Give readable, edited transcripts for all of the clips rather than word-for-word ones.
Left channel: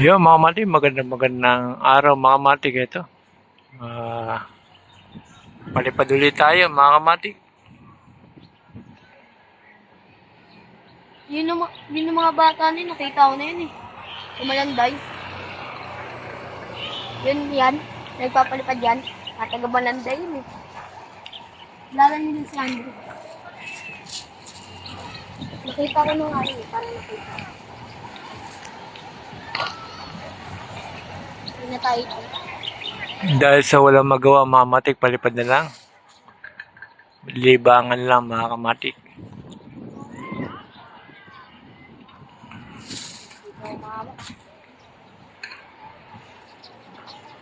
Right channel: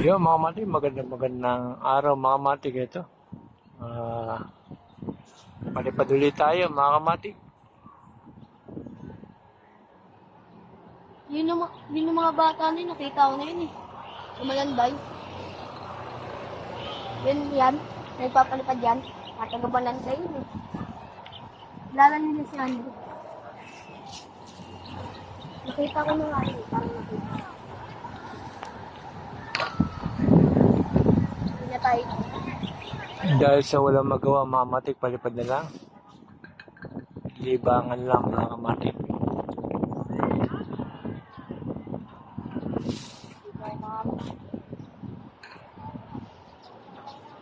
Ayun mga mati, magandang araw mga mati ito. Palipad ulit tayo mga mati. Yun yung mga bata na yun, nakita ko na yun eh. Sumalanday. Yan. Nagpapalipad yan. Taga-Malanday yun eh. Lala nila si Andrew. Nakita ko nung araw eh, parang nakita. Hindi na tayo ito. Dahil sa walang magawa mga mati, palipad na lang. Libangan lang mga kamati.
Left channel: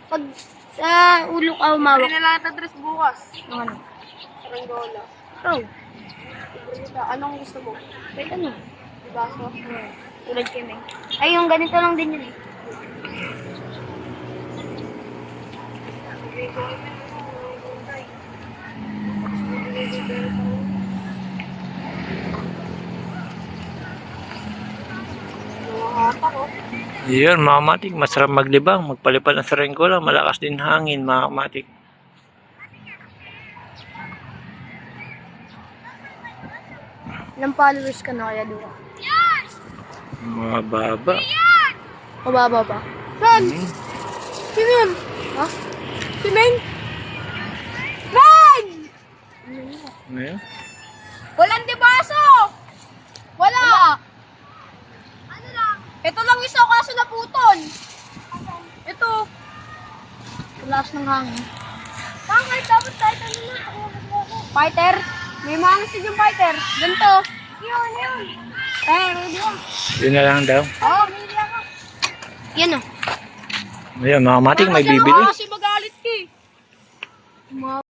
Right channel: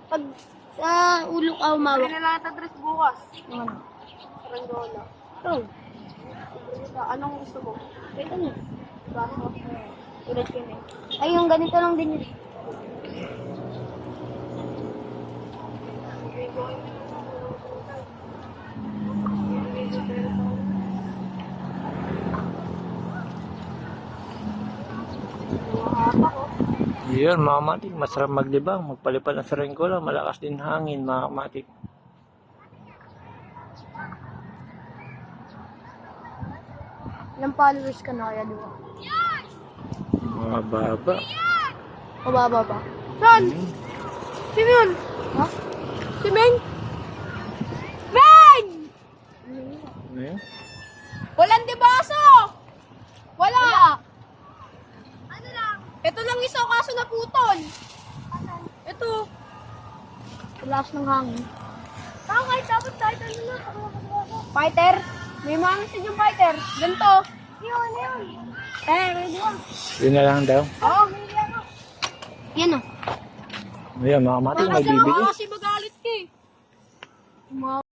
Pag sa ulo ka umawak. Hindi na lang ito dress bukas. Ano? Saranggola. Oh, Anong gusto mo? wait ano? Baso. Tulad kami. Ay, yung ganito lang din yun. Yun mga kamati, masarap maglibang. Magpalipad ng saranggola, malakas din hangin mga kamati. Ilang followers ka na kaya doon? Mga baba. Mababa ba? Saan? Sino yun? Ha? Si Meng? Meng! Ayun. Walang debaso! Wala! Ito lang isa kaso naputol. Ito. Lakas ng hangin. Bakit? Dapat kahit ano na. Fighter? May mga gusto yung fighter. Ganito. Yun. Ready ka? Yun na lang daw. Oo, ready ako. Yan o. Ayun mga kamati, may bibili. Kasi magalit ka eh.